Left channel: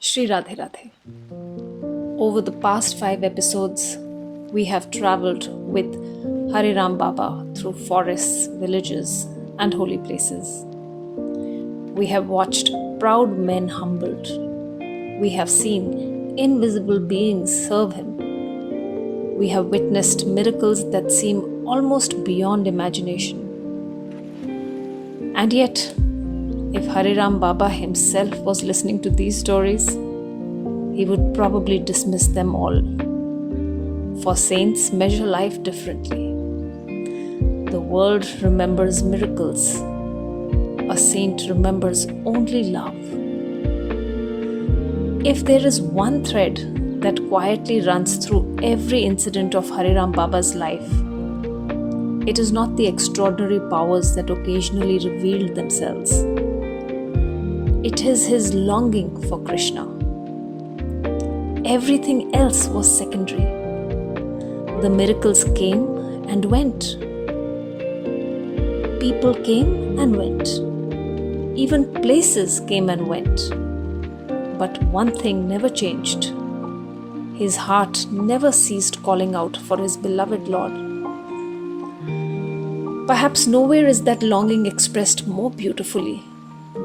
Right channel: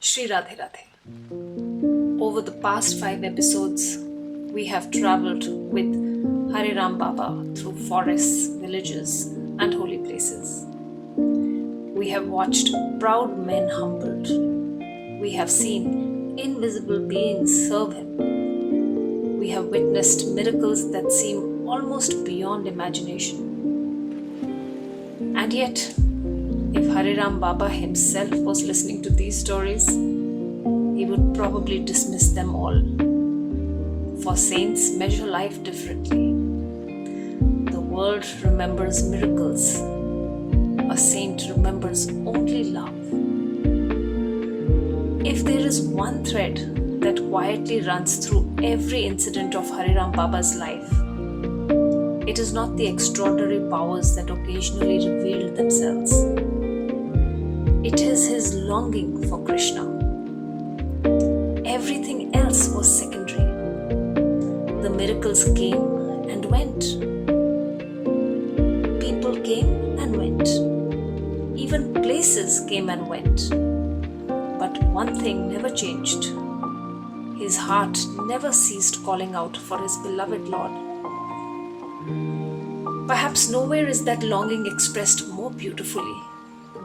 Shri Radhe Radhe. Over the past 5 episodes, we have traveled with Hare Ram Baba through forests, villages, and holy places. We have watched proud men humbled. We have seen invisible beings serve him. We have witnessed miracles that seem almost beyond imagination. And yet, if Hare Ram Baba himself was listening to these stories, he would probably dismiss them all. For saints measure life differently. The world remembers miracles. A saint remembers only love. If there is one thread that quietly runs through every incident of Hare Ram Baba's life, it is not the extraordinary powers that occasionally revealed themselves. It is his longing for Krishna. Everything else was secondary. The miracles came and went. People came and went. Even places came and went. But one thing never changed. His heart never ceased calling out for his beloved Lord. Perhaps nowhere is that longing expressed more beautifully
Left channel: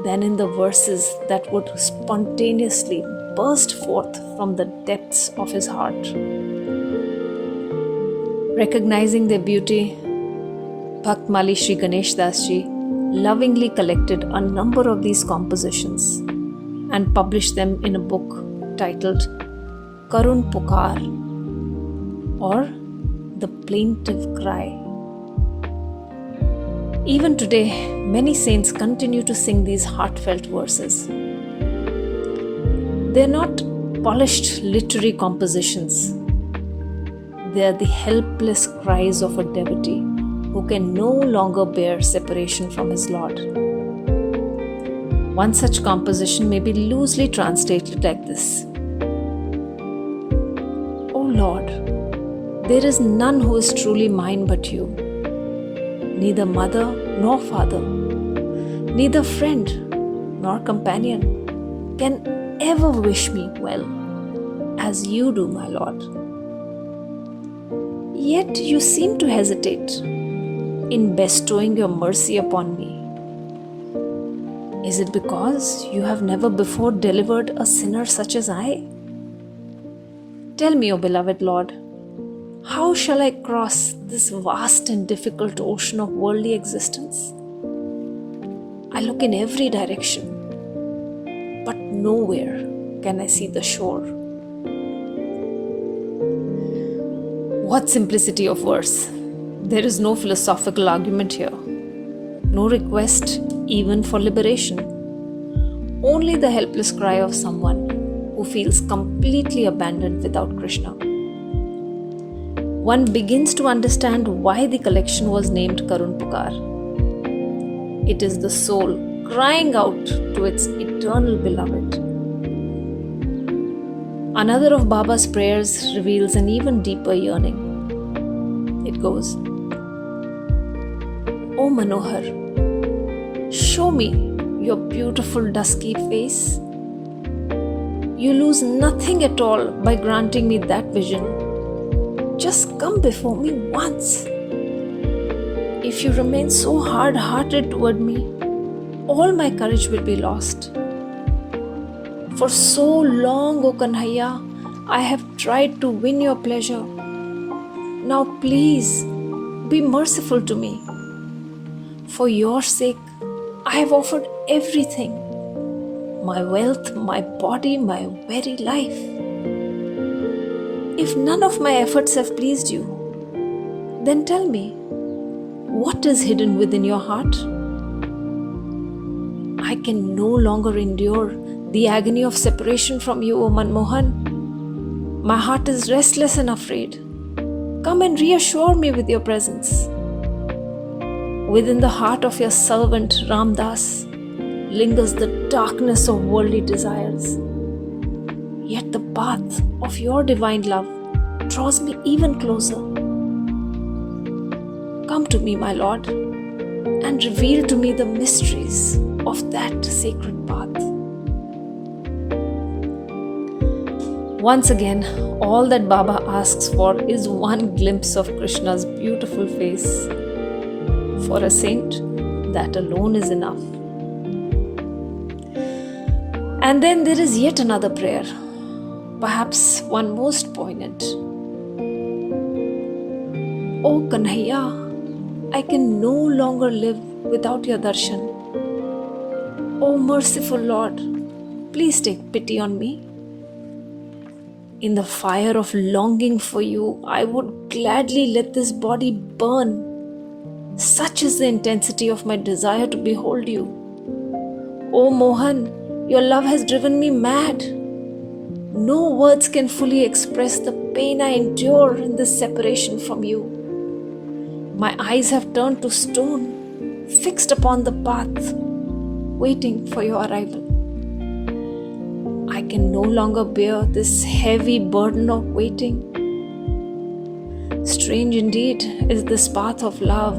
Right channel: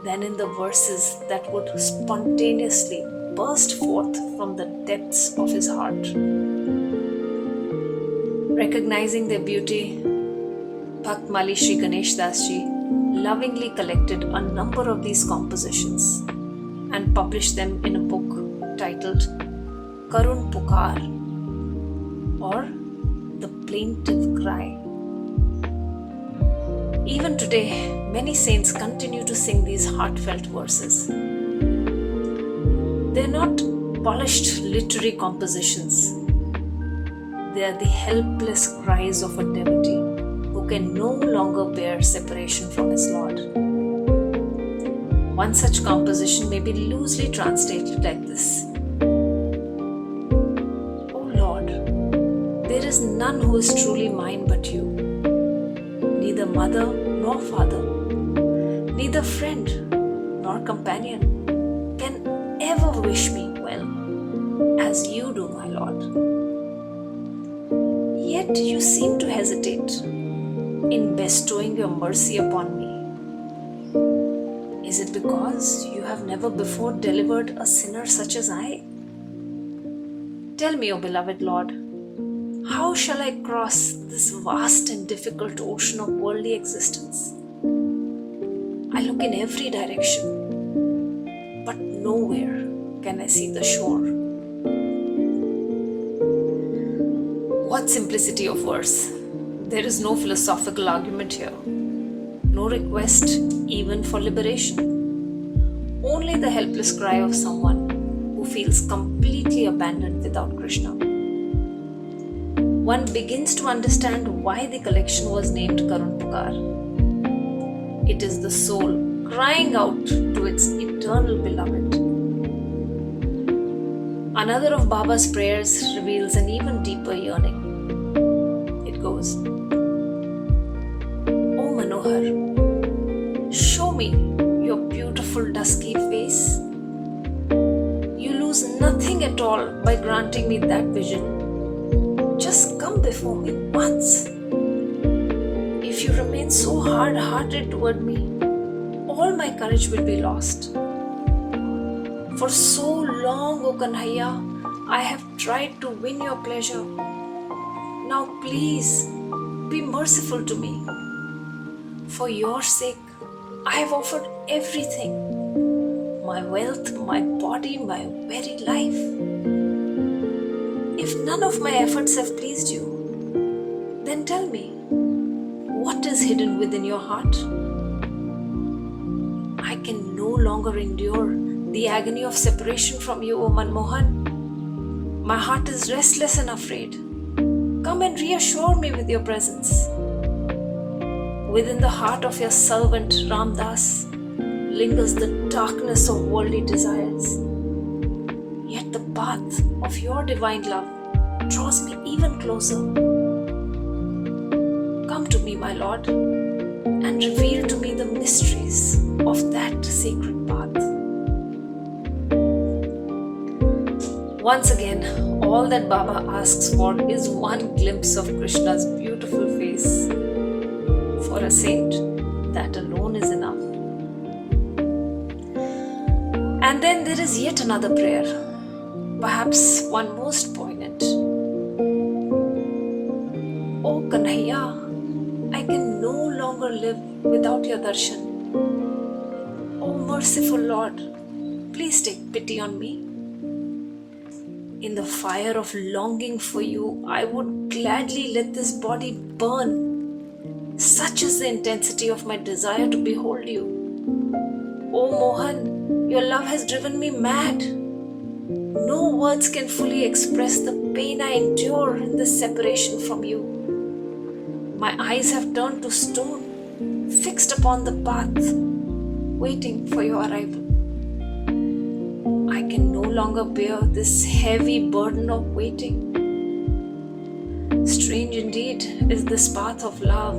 than in the verses that would spontaneously burst forth from the depths of his heart. Recognizing their beauty, Bhakt Mali Sri Ganesh Das Ji lovingly collected a number of these compositions and published them in a book titled Karun Pukar, or The Plaintive Cry. Even today, many saints continue to sing these heartfelt verses. They are not polished literary compositions. They are the helpless cries of a devotee who can no longer bear separation from his Lord. One such composition may be loosely translated like this: O Lord, there is none who is truly mine but you. Neither mother nor father, neither friend nor companion can ever wish me well as you do, my Lord. Yet you seem to hesitate in bestowing your mercy upon me. Is it because you have never before delivered a sinner such as I? Tell me, O beloved Lord, how shall I cross this vast and difficult ocean of worldly existence? I look in every direction, but nowhere can I see the shore. What simplicity of verse! There is no philosophical argument here, no request even for liberation, only the helpless cry of someone who feels completely abandoned without Krishna. One begins to understand why the collection was named Karun Pukar. It is the soul crying out to its eternal beloved. Another of Baba's prayers reveals an even deeper yearning. It goes, O Manohar, show me your beautiful dusky face. You lose nothing at all by granting me that vision. Just come before me once. If you remain so hard-hearted toward me, all my courage will be lost. For so long, O Kanhaiya, I have tried to win your pleasure. Now please, be merciful to me. For your sake, I have offered everything. My wealth, my body, my very life. If none of my efforts have pleased you, then tell me, what is hidden within your heart? I can no longer endure the agony of separation from you, O Manmohan. My heart is restless and afraid. Come and reassure me with your presence. Within the heart of your servant Ramdas lingers the darkness of worldly desires. Yet the path of your divine love draws me even closer. Come to me, my Lord, and reveal to me the mysteries of that sacred path. Once again, all that Baba asks for is one glimpse of Krishna's beautiful face. For a saint, that alone is enough. And then there is yet another prayer, perhaps one most poignant. O Kanhaiya, I can no longer live without your darshan. O merciful Lord, please take pity on me. In the fire of longing for you, I would gladly let this body burn. Such is the intensity of my desire to behold you. O Mohan, your love has driven me mad. No words can fully express the pain I endure in this separation from you. My eyes have turned to stone, fixed upon the path, waiting for your arrival. I can no longer bear this heavy burden of waiting. Strange indeed is this path of love.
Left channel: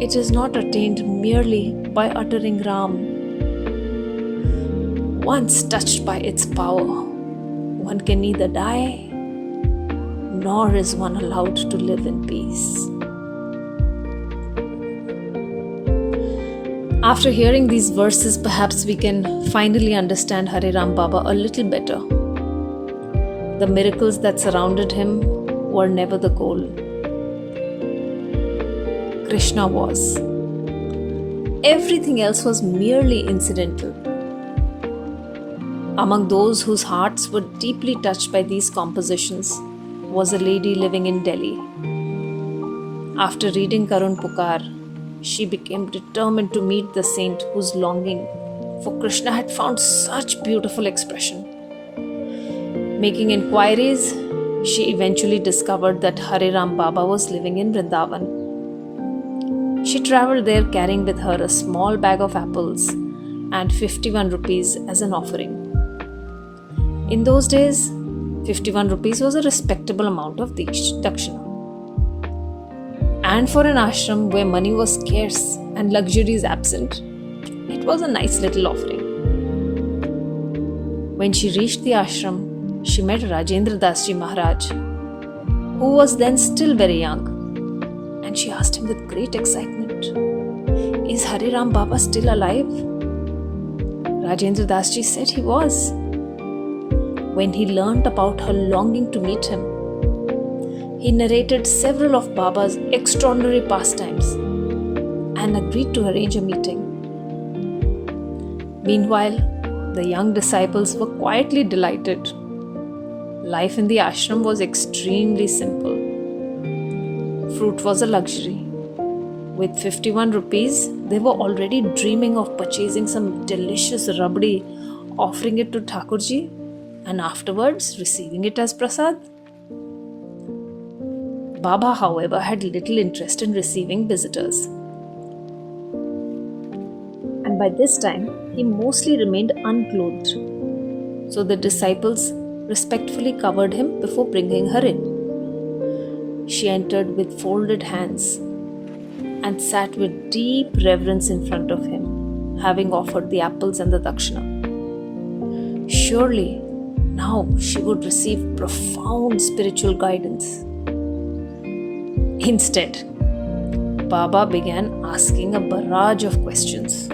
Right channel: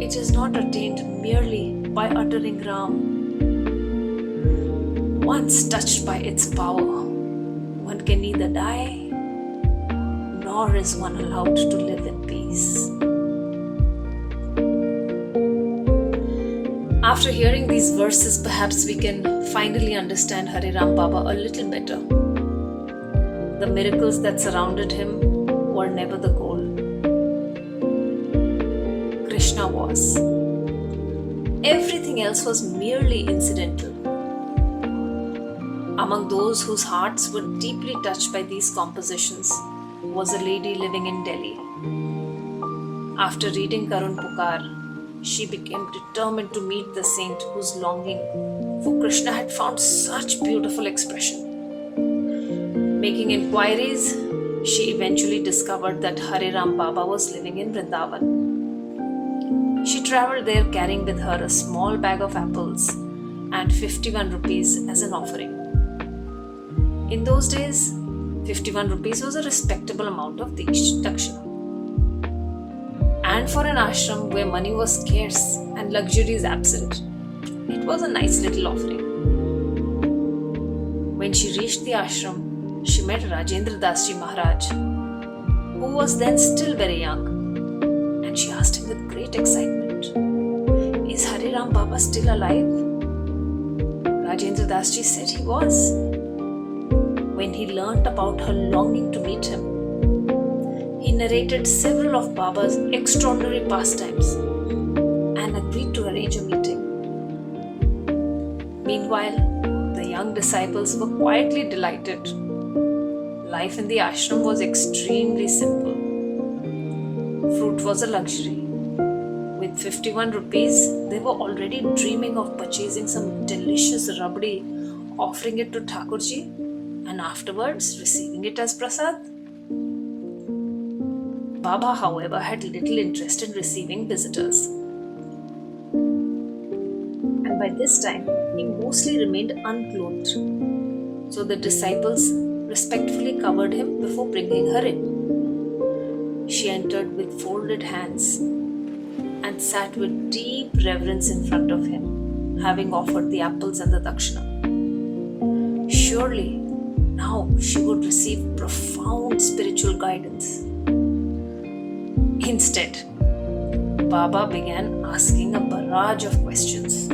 It is not attained merely by uttering Ram. Once touched by its power, one can neither die nor is one allowed to live in peace. After hearing these verses, perhaps we can finally understand Hare Ram Baba a little better. The miracles that surrounded him were never the goal. Krishna was. Everything else was merely incidental. Among those whose hearts were deeply touched by these compositions was a lady living in Delhi. After reading Karun Pukar, she became determined to meet the saint whose longing for Krishna had found such beautiful expression. Making inquiries, she eventually discovered that Hare Ram Baba was living in Vrindavan. She travelled there carrying with her a small bag of apples and 51 rupees as an offering. In those days, 51 rupees was a respectable amount of dakshina. And for an ashram where money was scarce and luxuries absent, it was a nice little offering. When she reached the ashram, she met Rajendra Das Ji Maharaj, who was then still very young, and she asked him with great excitement, "Is Hare Ram Baba still alive?" Rajendra Das Ji said he was. When he learnt about her longing to meet him, he narrated several of Baba's extraordinary pastimes and agreed to arrange a meeting. Meanwhile, the young disciples were quietly delighted. Life in the ashram was extremely simple. Fruit was a luxury. With 51 rupees, they were already dreaming of purchasing some delicious rabdi, offering it to Thakurji, and afterwards receiving it as prasad. Baba, however, had little interest in receiving visitors. And by this time, he mostly remained unclothed. So the disciples respectfully covered him before bringing her in. She entered with folded hands and sat with deep reverence in front of him, having offered the apples and the dakshina. Surely, now she would receive profound spiritual guidance. Instead, Baba began asking a barrage of questions.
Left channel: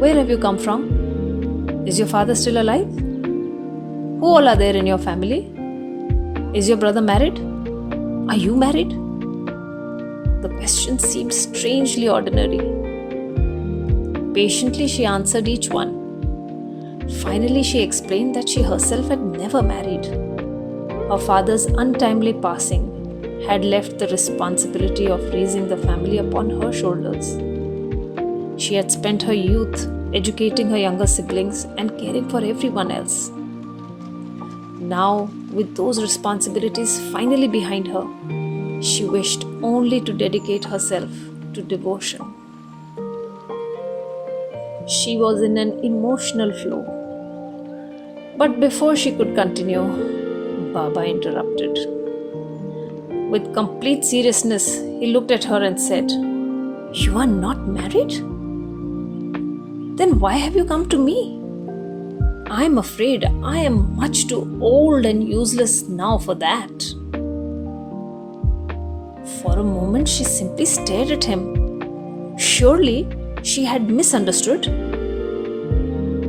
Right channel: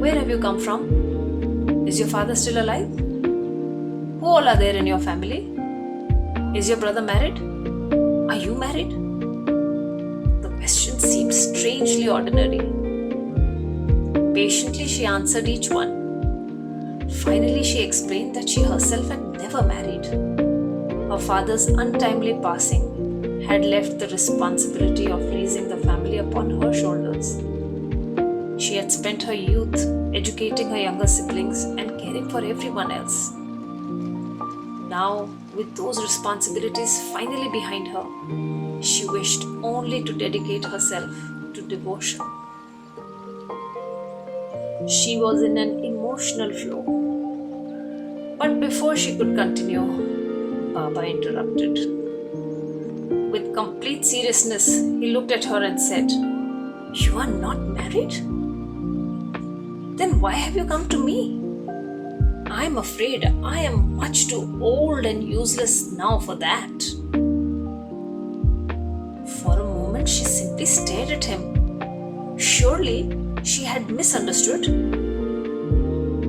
Where have you come from? Is your father still alive? Who all are there in your family? Is your brother married? Are you married? The questions seemed strangely ordinary. Patiently, she answered each one. Finally, she explained that she herself had never married. Her father's untimely passing had left the responsibility of raising the family upon her shoulders. She had spent her youth educating her younger siblings and caring for everyone else. Now, with those responsibilities finally behind her, she wished only to dedicate herself to devotion. She was in an emotional flow. But before she could continue, Baba interrupted. With complete seriousness, he looked at her and said, "You are not married? Then why have you come to me? I'm afraid I am much too old and useless now for that. For a moment, she simply stared at him. Surely she had misunderstood.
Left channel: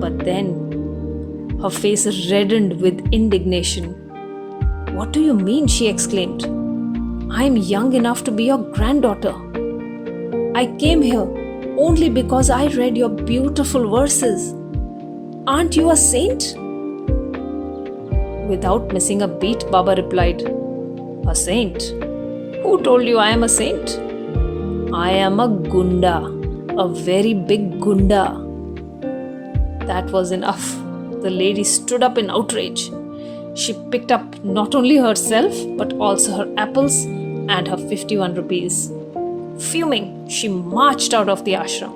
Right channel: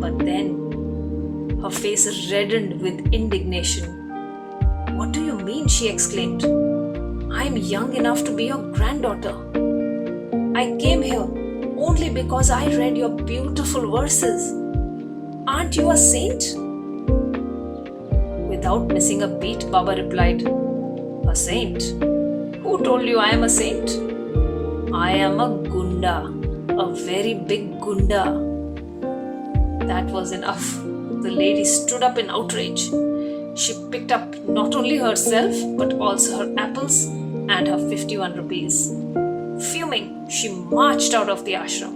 But then her face reddened with indignation. What do you mean? She exclaimed. I'm young enough to be your granddaughter. I came here only because I read your beautiful verses. Aren't you a saint? Without missing a beat, Baba replied, A saint? Who told you I am a saint? I am a gunda, a very big gunda. That was enough. The lady stood up in outrage. She picked up not only herself but also her apples and her 51 rupees. Fuming, she marched out of the ashram.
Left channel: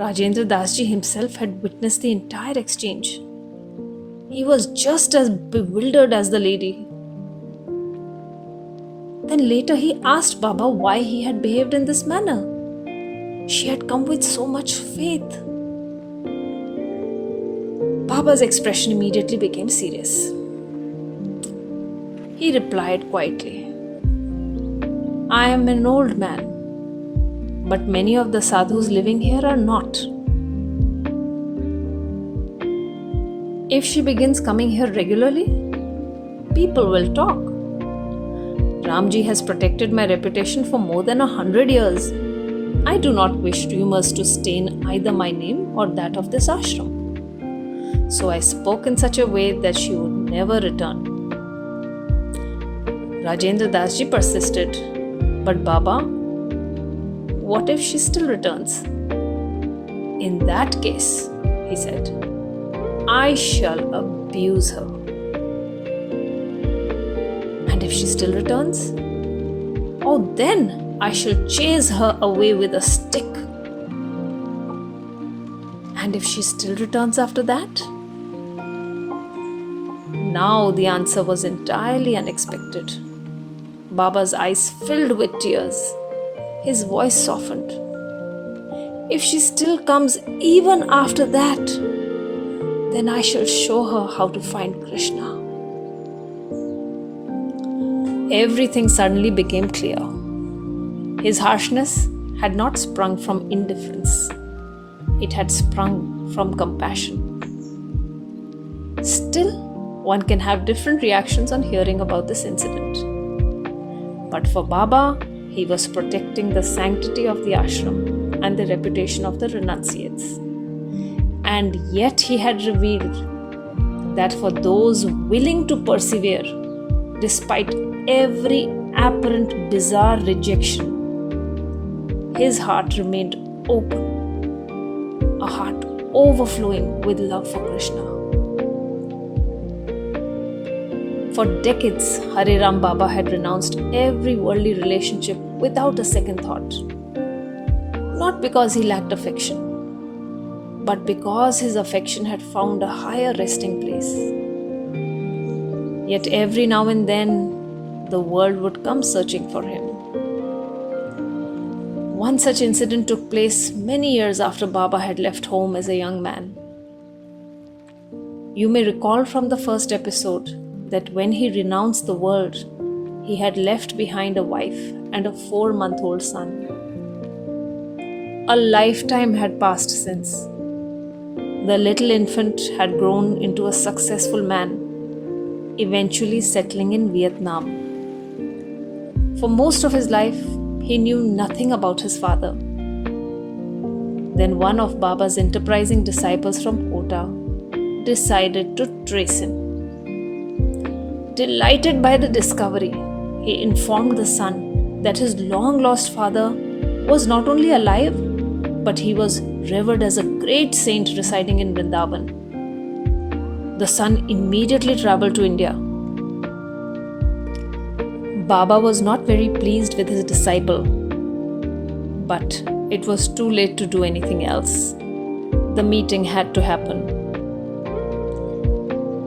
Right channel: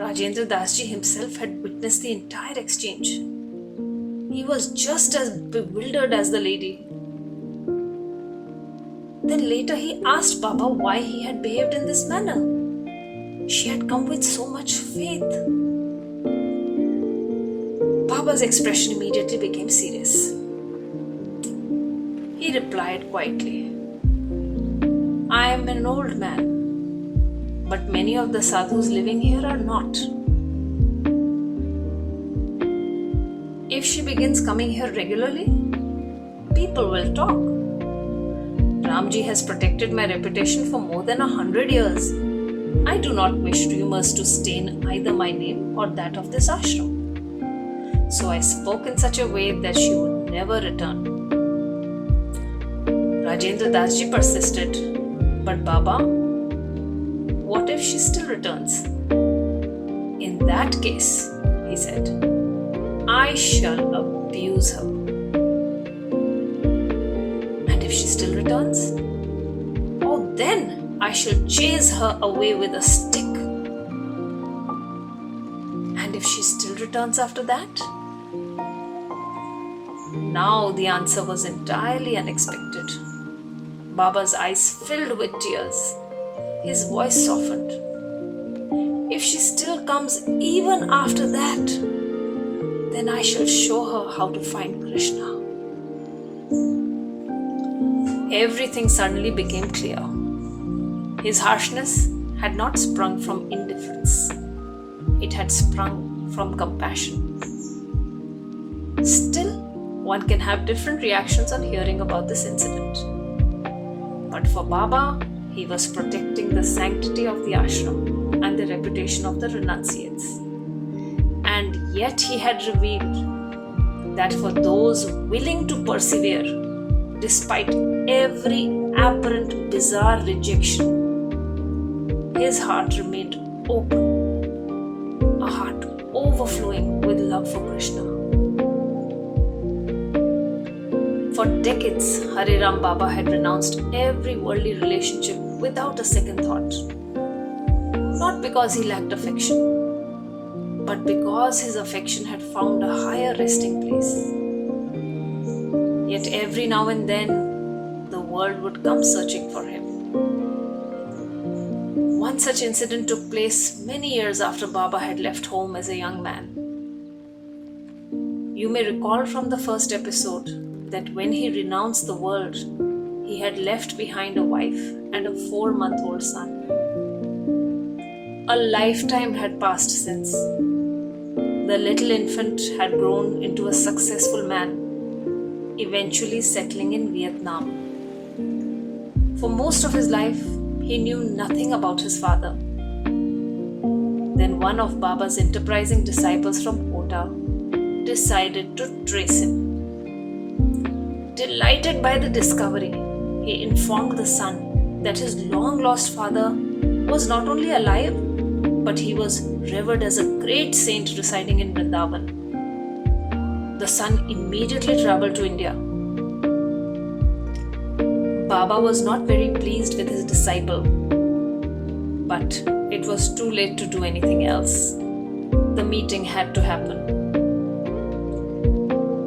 Rajendra Dasji himself had witnessed the entire exchange. He was just as bewildered as the lady. Then later he asked Baba why he had behaved in this manner. She had come with so much faith. Baba's expression immediately became serious. He replied quietly, I am an old man, but many of the sadhus living here are not. If she begins coming here regularly, people will talk. Ramji has protected my reputation for more than 100 years. I do not wish rumors to stain either my name or that of this ashram. So I spoke in such a way that she would never return. Rajendra Dasji persisted. But Baba, what if she still returns? In that case, he said, I shall abuse her. And if she still returns? Oh, then I shall chase her away with a stick. And if she still returns after that? Now the answer was entirely unexpected. Baba's eyes filled with tears. His voice softened. If she still comes even after that, then I shall show her how to find Krishna. Everything suddenly became clear. His harshness had not sprung from indifference. It had sprung from compassion. Still, one can have different reactions on hearing about this incident. But for Baba, he was protecting the sanctity of the ashram and the reputation of the renunciates. And yet he had revealed that for those willing to persevere, despite every apparent bizarre rejection, his heart remained open, a heart overflowing with love for Krishna. For decades, Hare Ram Baba had renounced every worldly relationship without a second thought. Not because he lacked affection, but because his affection had found a higher resting place. Yet every now and then, the world would come searching for him. One such incident took place many years after Baba had left home as a young man. You may recall from the first episode that when he renounced the world, he had left behind a wife and a 4-month-old son. A lifetime had passed since. The little infant had grown into a successful man, eventually settling in Vietnam. For most of his life, he knew nothing about his father. Then one of Baba's enterprising disciples from Kota decided to trace him. Delighted by the discovery, he informed the son that his long-lost father was not only alive, but he was revered as a great saint residing in Vrindavan. The son immediately traveled to India. Baba was not very pleased with his disciple, but it was too late to do anything else. The meeting had to happen.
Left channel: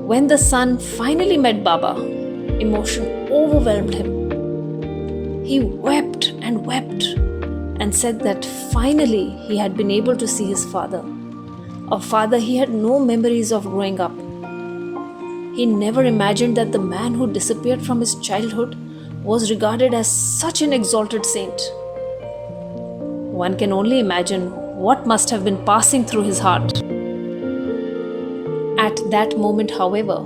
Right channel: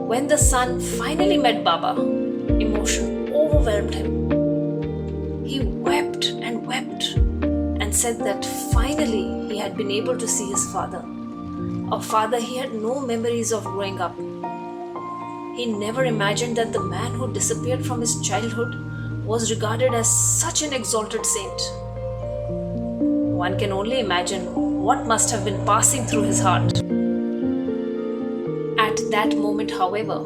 When the son finally met Baba, emotion overwhelmed him. He wept and said that finally he had been able to see his father, Of father, he had no memories of growing up. He never imagined that the man who disappeared from his childhood was regarded as such an exalted saint. One can only imagine what must have been passing through his heart. At that moment, however,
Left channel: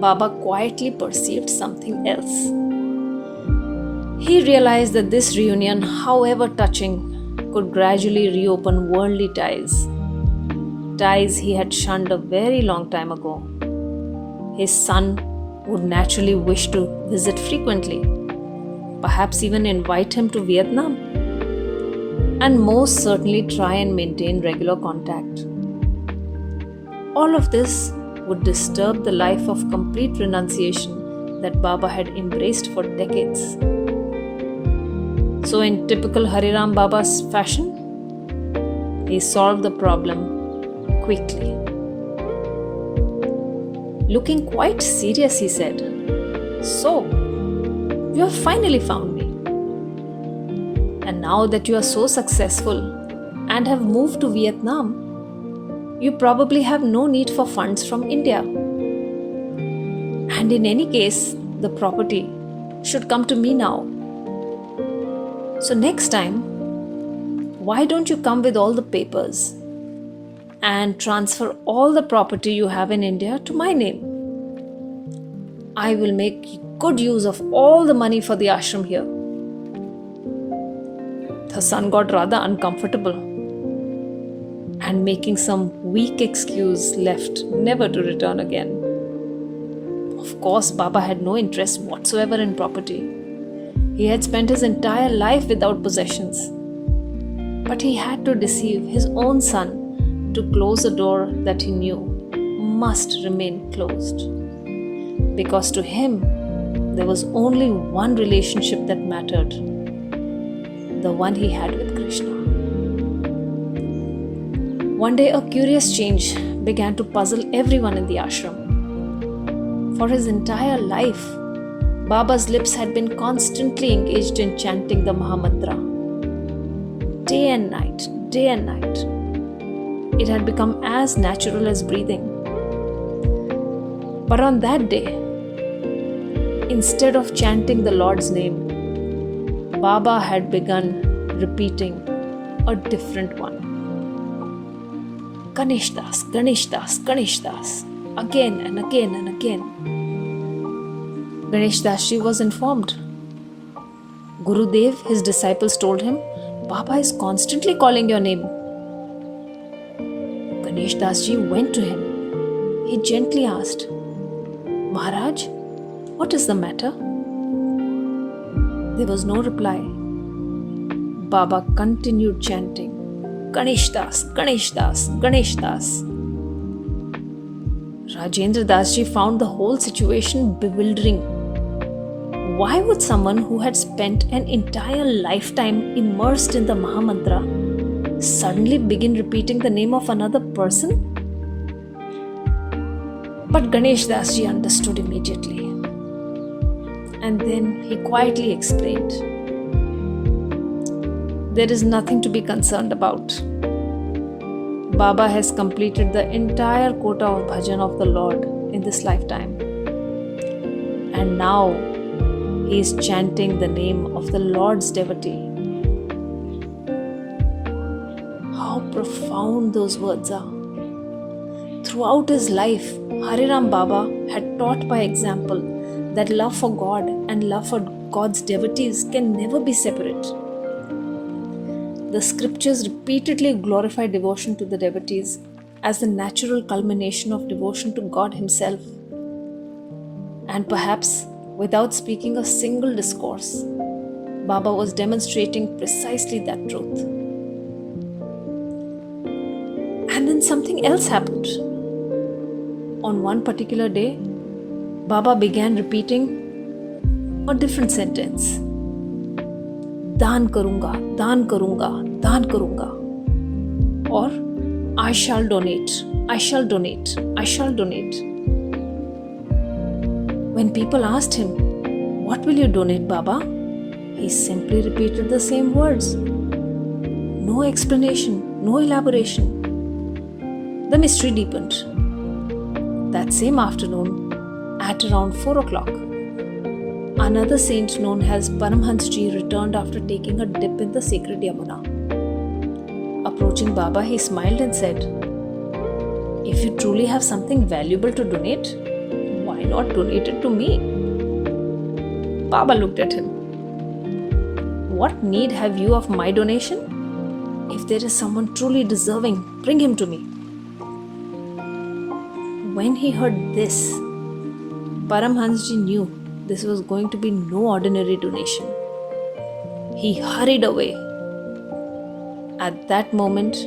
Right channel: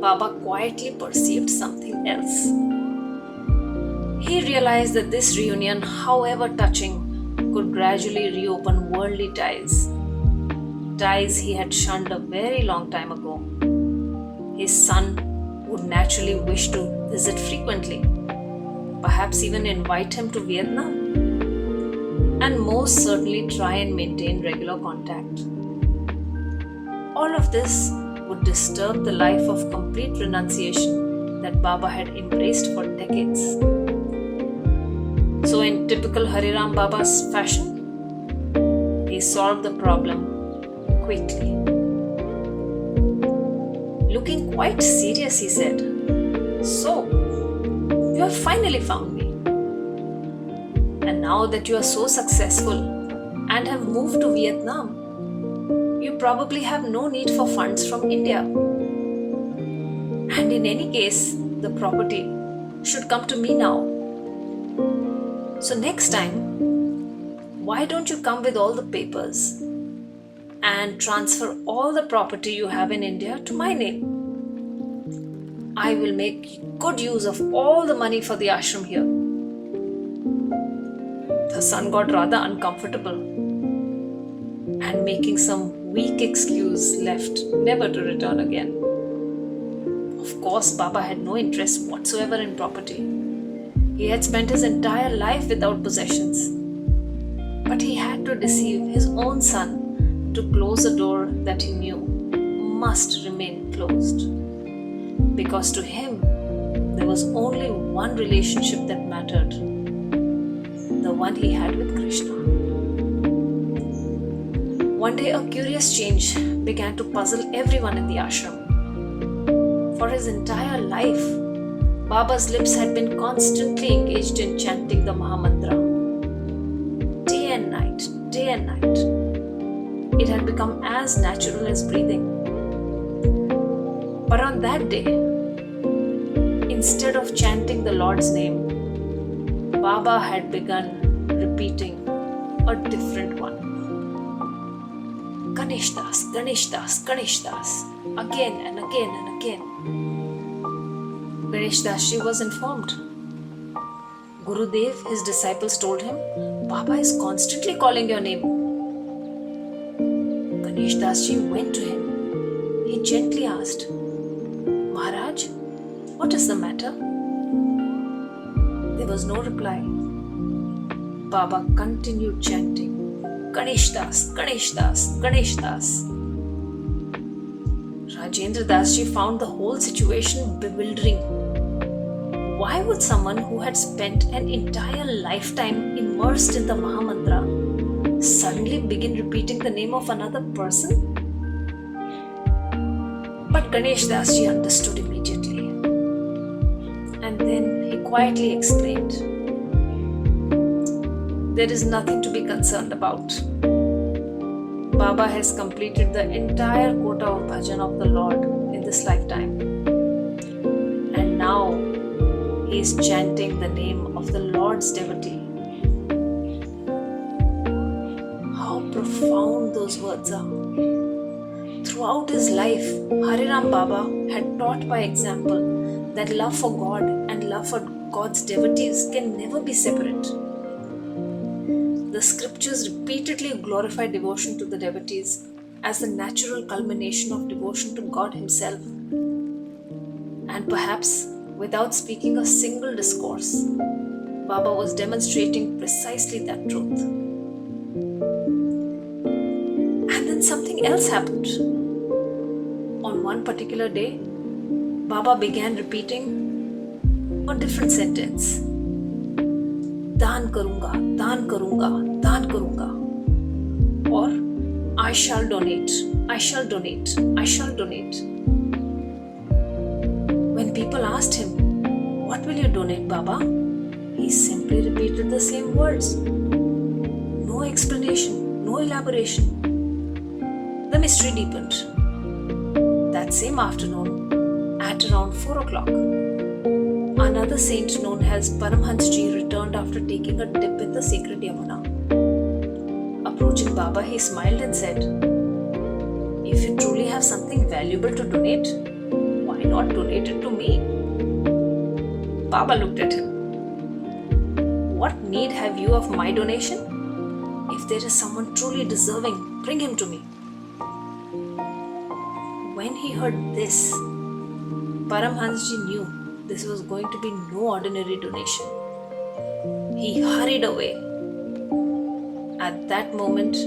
Baba quietly perceived something else. He realized that this reunion, however touching, could gradually reopen worldly ties. Ties he had shunned a very long time ago. His son would naturally wish to visit frequently, perhaps even invite him to Vietnam, and most certainly try and maintain regular contact. All of this would disturb the life of complete renunciation that Baba had embraced for decades. So, in typical Hare Ram Baba's fashion, he solved the problem quickly. Looking quite serious, he said, "So, you have finally found me. And now that you are so successful and have moved to Vietnam, you probably have no need for funds from India. And in any case, the property should come to me now. So next time, why don't you come with all the papers and transfer all the property you have in India to my name? I will make good use of all the money for the ashram here." The son got rather uncomfortable and, making some weak excuse, left, never to return again. Of course, Baba had no interest whatsoever in property. He had spent his entire life without possessions. But he had to deceive his own son to close a door that he knew must remain closed. Because to him, there was only one relationship that mattered, the one he had with Krishna. One day, a curious change began to puzzle everyone in the ashram. For his entire life, Baba's lips had been constantly engaged in chanting the Mahamantra. Day and night, day and night. It had become as natural as breathing. But on that day, instead of chanting the Lord's name, Baba had begun repeating a different one. Ganesh Das, Ganesh Das, Ganesh Das, again and again and again. Ganesh Das Ji was informed. Gurudev, his disciples, told him, "Baba is constantly calling your name." Ganesh Das Ji went to him. He gently asked, "Maharaj, what is the matter?" There was no reply. Baba continued chanting, "Ganesh Das, Ganesh Das, Ganesh Das." Rajendra Das Ji found the whole situation bewildering. Why would someone who had spent an entire lifetime immersed in the Mahamantra suddenly begin repeating the name of another person? But Ganesh Das Ji understood immediately. And then he quietly explained, "There is nothing to be concerned about. Baba has completed the entire quota of bhajan of the Lord in this lifetime. And now he is chanting the name of the Lord's devotee." How profound those words are. Throughout his life, Hare Ram Baba had taught by example that love for God and love for God's devotees can never be separate. The scriptures repeatedly glorify devotion to the devotees as the natural culmination of devotion to God Himself. And perhaps, without speaking a single discourse, Baba was demonstrating precisely that truth. And then something else happened. On one particular day, Baba began repeating a different sentence. "Daan karunga, daan karunga, daan karunga." Or, "I shall donate, I shall donate, I shall donate." When people asked him, "What will you donate, Baba?" he simply repeated the same words. No explanation, no elaboration. the mystery deepened. That same afternoon, at around 4 o'clock, another saint known as Paramhansji returned after taking a dip in the sacred Yamuna. Approaching Baba, he smiled and said, "If you truly have something valuable to donate, why not donate it to me?" Baba looked at him. "What need have you of my donation? If there is someone truly deserving, bring him to me." When he heard this, Paramhansji knew this was going to be no ordinary donation. He hurried away. At that moment,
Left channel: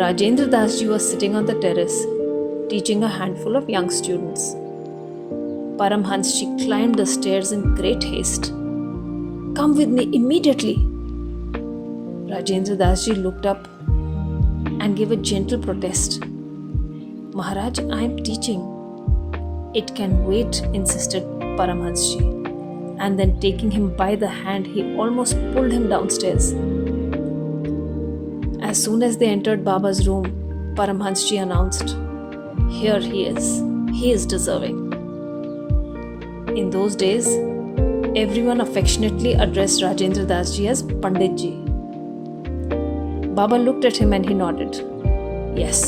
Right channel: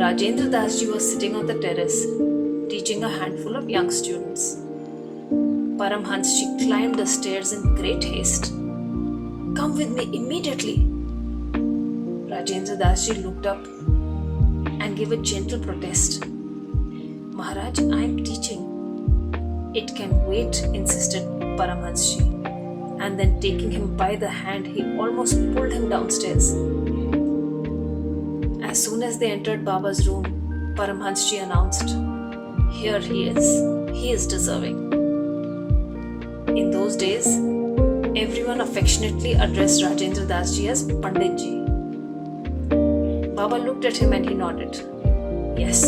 Rajendra Dasji was sitting on the terrace, teaching a handful of young students. Paramhansji climbed the stairs in great haste. "Come with me immediately." Rajendra Dasji looked up and gave a gentle protest. "Maharaj, I am teaching." "It can wait," insisted Paramhansji. And then taking him by the hand, he almost pulled him downstairs. As soon as they entered Baba's room, Paramhansji announced, "Here he is. He is deserving." In those days, everyone affectionately addressed Rajendra Dasji as Panditji. Baba looked at him and he nodded. Yes,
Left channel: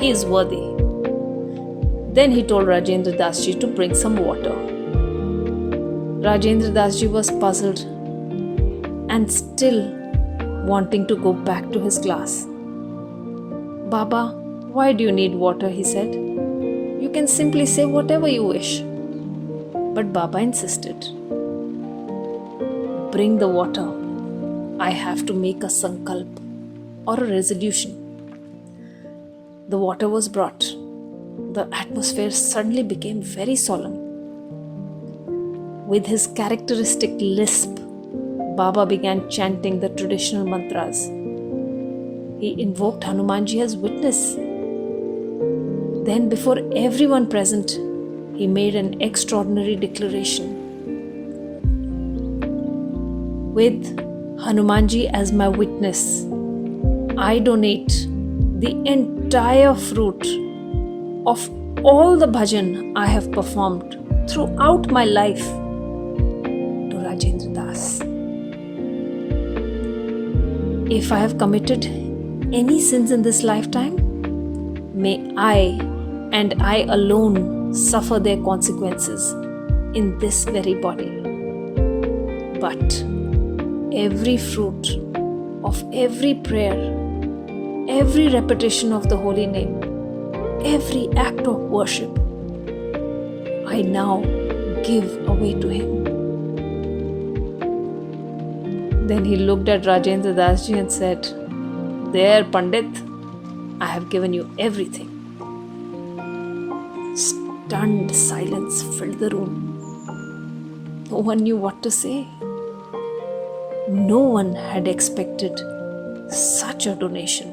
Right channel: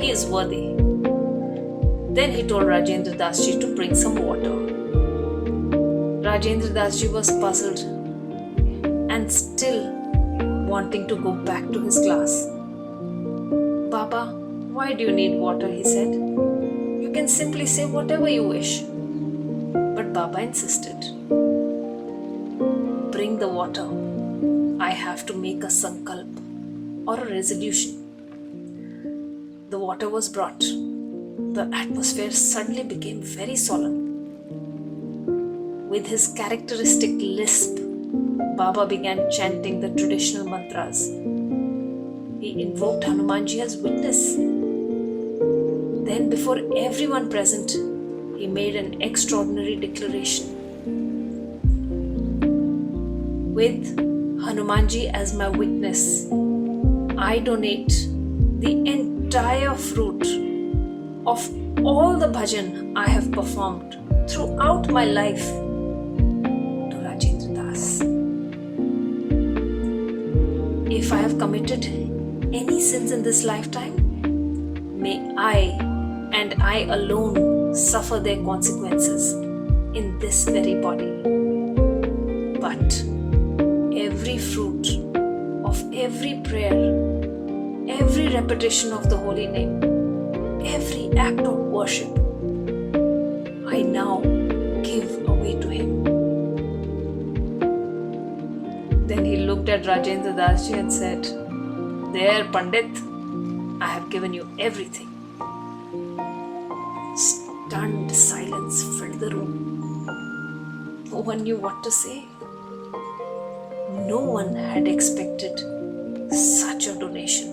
he is worthy. Then he told Rajendra Dasji to bring some water. Rajendra Dasji was puzzled and still wanting to go back to his class. "Baba, why do you need water?" he said. "You can simply say whatever you wish." But Baba insisted. "Bring the water. I have to make a sankalp or a resolution." The water was brought. The atmosphere suddenly became very solemn. With his characteristic lisp, Baba began chanting the traditional mantras. He invoked Hanumanji as witness. Then, before everyone present, he made an extraordinary declaration. "With Hanumanji as my witness, I donate the entire fruit of all the bhajan I have performed throughout my life to Rajendra Das. If I have committed any sins in this lifetime, may I and I alone suffer their consequences in this very body. But every fruit of every prayer, every repetition of the holy name, every act of worship, I now give away to him." Then he looked at Rajendra Dasji and said, "There, Pandit, I have given you everything." Stunned silence filled the room. No one knew what to say. No one had expected such a donation.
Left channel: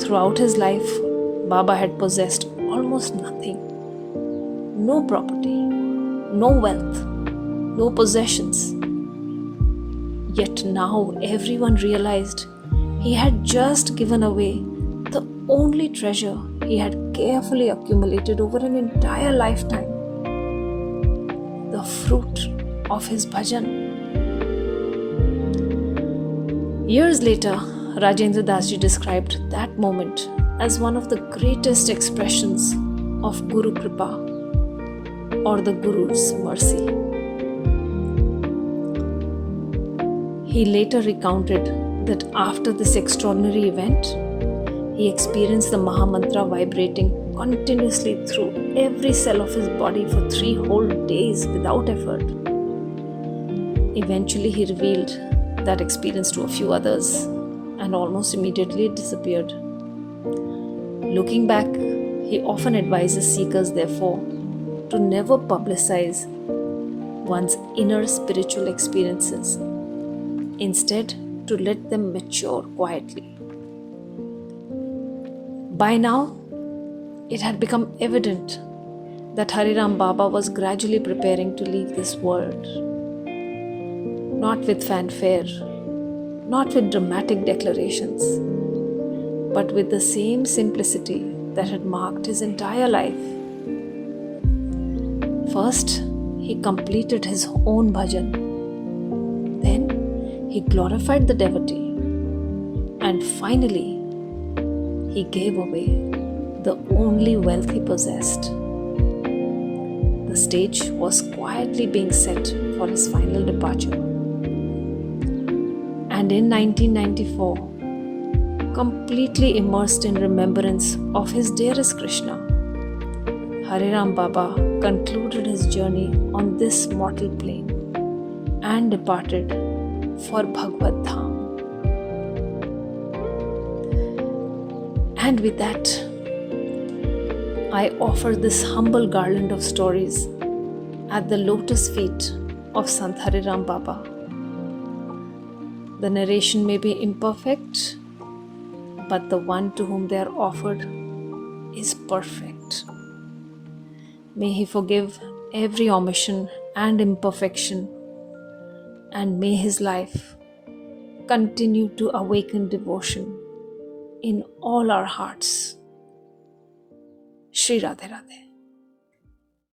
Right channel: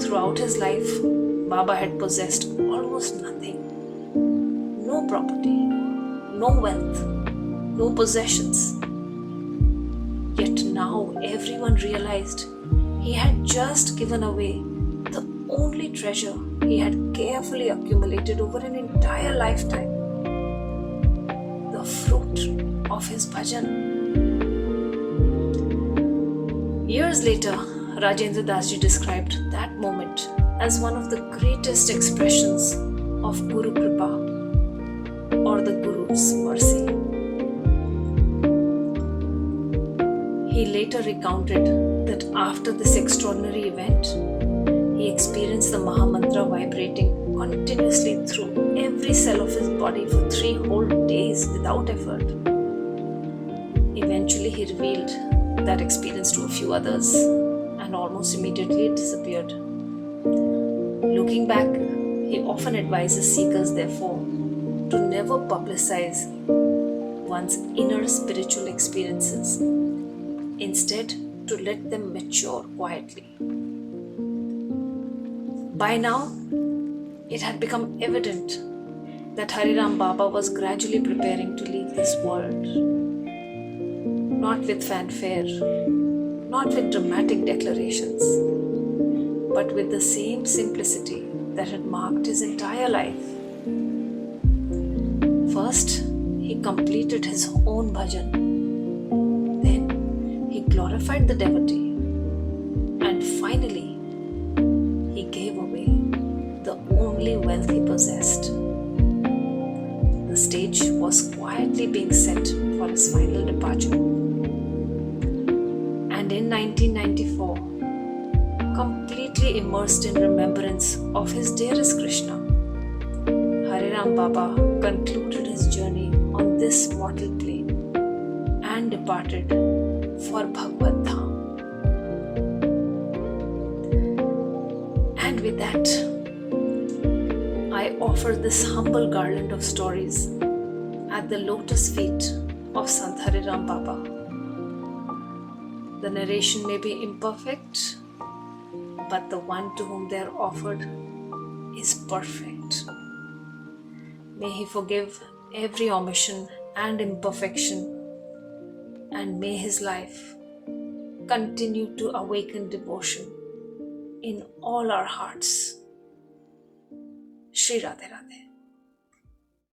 Throughout his life, Baba had possessed almost nothing. No property, no wealth, no possessions. Yet now everyone realized he had just given away the only treasure he had carefully accumulated over an entire lifetime. The fruit of his bhajan. Years later, Rajendra Dasji described that moment as one of the greatest expressions of Guru Kripa or the Guru's mercy. He later recounted that after this extraordinary event, he experienced the Mahamantra vibrating continuously through every cell of his body for 3 whole days without effort. Eventually, he revealed that experience to a few others, and almost immediately it disappeared. Looking back, he often advises seekers, therefore, to never publicize one's inner spiritual experiences. Instead, to let them mature quietly. By now, it had become evident that Hariram Baba was gradually preparing to leave this world. Not with fanfare, not with dramatic declarations, but with the same simplicity that had marked his entire life. First, he completed his own bhajan. Then, he glorified the devotee. And finally, he gave away the only wealth he possessed. The stage was quietly being set for his final departure. And in 1994, completely immersed in remembrance of his dearest Krishna, Hare Ram Baba concluded his journey on this mortal plane and departed for Bhagavad Dham. And with that, I offer this humble garland of stories at the lotus feet of Sant Hare Ram Baba. The narration may be imperfect, but the one to whom they are offered is perfect. May he forgive every omission and imperfection, and may his life continue to awaken devotion in all our hearts. Shri Radhe Radhe.